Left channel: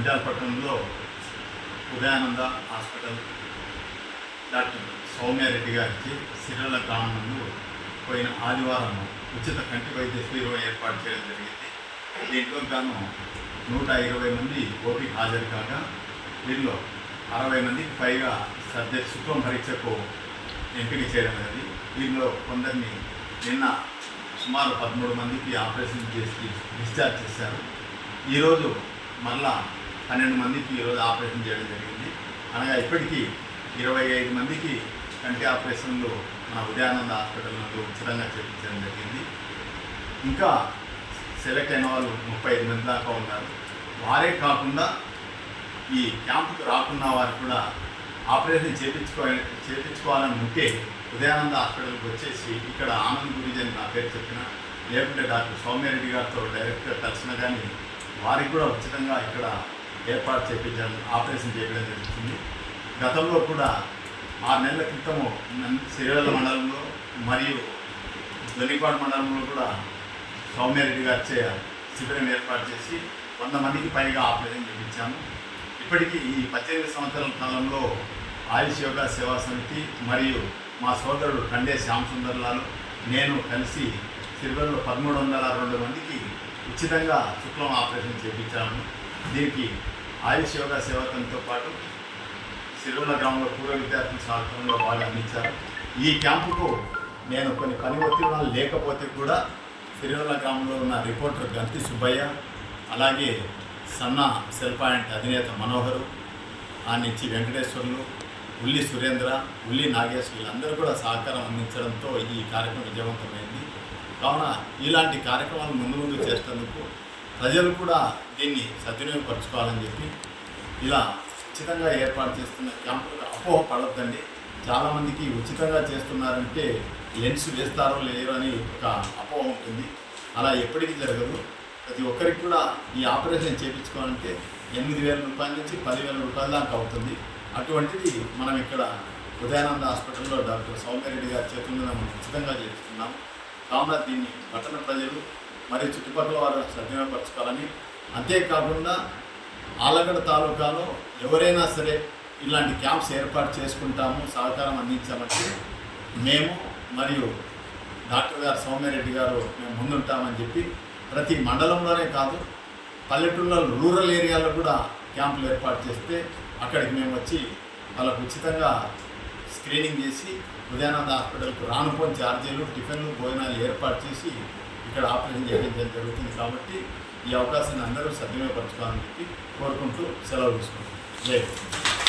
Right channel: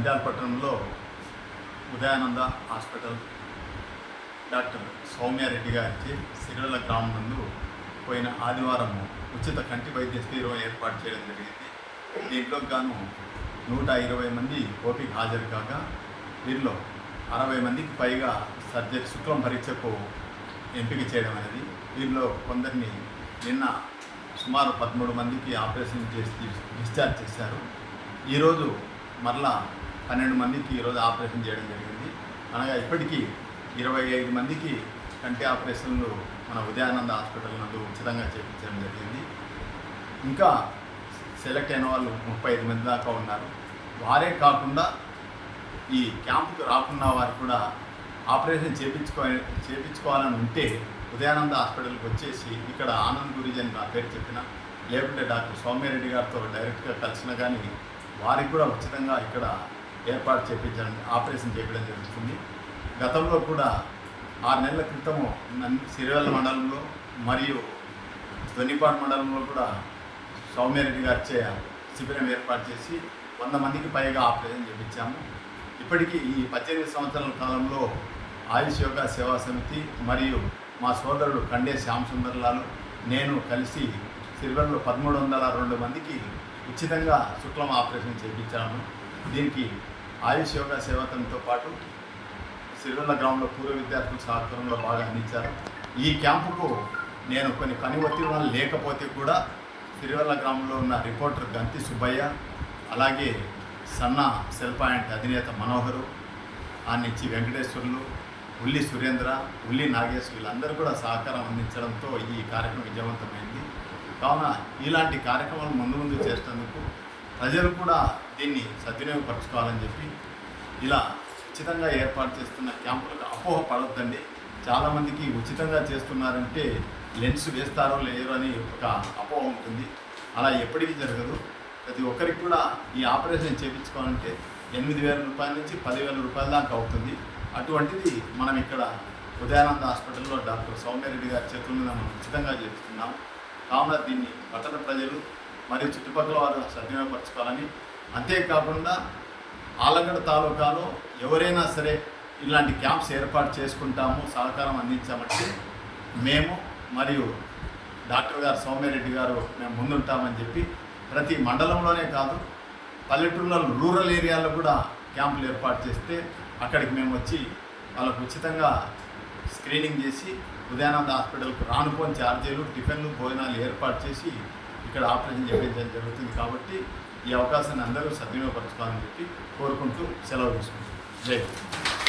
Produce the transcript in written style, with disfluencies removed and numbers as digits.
నంద్యాల పట్టణంలో Udayananda hospital doctor Soumya Reddy గారికి సిరివెల్ల గ్రామం నందు పోయిన ఆదివారం ఉచిత కంటి వైద్య శిబిరం ఏర్పాటు చేయడం జరిగింది. దీంట్లో గాను 120 మంది ఓటీకి హాజరు కాగా వీరిలో 60 మందికి పైగా సబ్జెక్ట్ శుక్లం పరీక్షకు ఎంపిక చేయడం అనేది. వీరిలో కొందరిని నిన్న సుమారు 13 మందికి ఆపరేషన్ చేసి డిశ్చార్జ్ చేశారు. ఈరోజు మరలా 12 మందికి ఈరోజు ఆపరేషన్ చేయడం జరిగింది. అనగా ఇప్పటికీ 25 మందికి కంటి ఆపరేషన్లు మన ఉదయానంద హాస్పిటల్ నుండి ఉచితంగా చేయించడం జరిగింది. ఇంకా సెలెక్ట్ అయిన వాళ్ళు 35 మంది దాకా ఉన్నారు. వారే కాకుండా ఈ క్యాంపుకు రాకున్న వారు కూడా ఆపరేషన్ చేయించుకోవాలని ఉంటే ఉదయానంద హాస్పిటల్కి వచ్చేసి ఇక్కడ ఆనంద్ గురించి అని నా పేరు చెప్పిన, లేకుంటే డాక్టర్ సౌమ్యారెడ్డి గారితో డైరెక్ట్గా కలిసిన కానీ వారికి కూడా ఉచితంగా ఇక్కడ ఏర్పాటు చేయించడం ఆపరేషన్ చేయడం జరుగుతుంది. గతంలో కూడా 6 నెలల క్రితము సిరివెల్ల మండలంలో మరియు దొన్నిపాడు మండలంలో కూడా సౌమ్యారెడ్డి గారిచే శిబిరం ఏర్పాటు చేసి 100 మందికి పైగా ఆపరేషన్ చేయించాము. ఇప్పటికీ ఈ 18 సంవత్సరాల కాలంలో ఆయుష్ యోగా సేవా సమితి మరియు మా సోదరుడు కండే శ్యామ్ సుందర్లాల్ నేను కలిసి సిరివెల్లలో 1302 మందికి ఉచితంగా శుక్లం ఆపరేషన్ చేయించాము. దీనికి ఆయుష్ యోగా సేవకంతో పాటు సిరివెల్ల గ్రామంలో పూర్వ విద్యార్థుల సహకారంలో బాగా అందించారు. ఈ క్యాంపుకు నేను కొన్ని పని ఒత్తిడి లేకపోతే కూడా సిరివెల్ల గ్రామంలో ఉన్న రిపోర్టర్ గంతి సుబ్బయ్య, అలాగే సన్న సెల్ పాయింట్ అధినేత మనోహరు, ఆ నుంచి వెంకటేశ్వర్లు, ఉల్లి సురేంద్ర, ఉల్లి నాగేష్ వీళ్ళందరూ కూడా సహకారం అందించడంతో ఈ కార్యక్రమం విజయవంతమైంది. కావున ఇలాంటి కార్యక్రమాలు ముందు చేసేందుకు ప్రజలు కూడా దీన్ని సద్వినియోగపరచుకోవాలని చెప్పి ఇలా ఉచితంగా ఏర్పాటు చేస్తున్న క్యాంపులకు అపోహ పడొద్దండి. చాలామందికి ఉచితంగా చేస్తున్నారంటే లెన్స్ వేస్తారో లేరో అని ఒక అపోహ ఉంటుంది. అలా ఎప్పటికీ జరగదు. ప్రతి ఒక్కరికి కూడా ఈ ఆపరేషన్ చేయించుకోవాలంటే 8,000 రూపాయల నుంచి 10,000 రూపాయల దాకా అవుతుంది. అటువంటిది మనం ఇక్కడ ఉదయానంద హాస్పిటల్లో డాక్టర్ సౌమ్యారెడ్డి గారి చేతుల్లో మనం ఉచితంగా చేస్తున్నాము. కావున దీన్ని పట్టణ ప్రజలు మరియు చుట్టుపక్కల వారు సద్వినియోగపరచుకోవాలని, అంతేకాకుండా ఆలగడ్డ తాలూకాలో ఎవరైనా సరే ఇలాంటి క్యాంప్స్ ఏర్పాటు చేసుకుంటాము, సహకారం అందించామంటే మేము మరియు డాక్టర్ గారు సౌమ్యారెడ్డి గారు మేము ముందుంటామని చెప్పి ప్రతి మండలంలోనే కాదు పల్లెటూళ్ళలో రూరల్ ఏరియాలో కూడా క్యాంపులు ఏర్పాటు చేస్తే అక్కడికి మేము వచ్చి వాళ్ళకు ఉచితంగా స్క్రీనింగ్ చేసి ఉదయానంద హాస్పిటల్కు రానుపోని ఛార్జీలు, టిఫిన్లు, భోజనాలు ఏర్పాటు చేసి ఇక్కడ ఆపరేషన్ చేయించడం జరుగుతుంది. కాబట్టి ఈ అవకాశాన్ని అందరూ సద్వినియోగపరచుకోవాలని చెప్పి కోరుకుంటూ సెలవు తీసుకుంటాం. జై హింద్.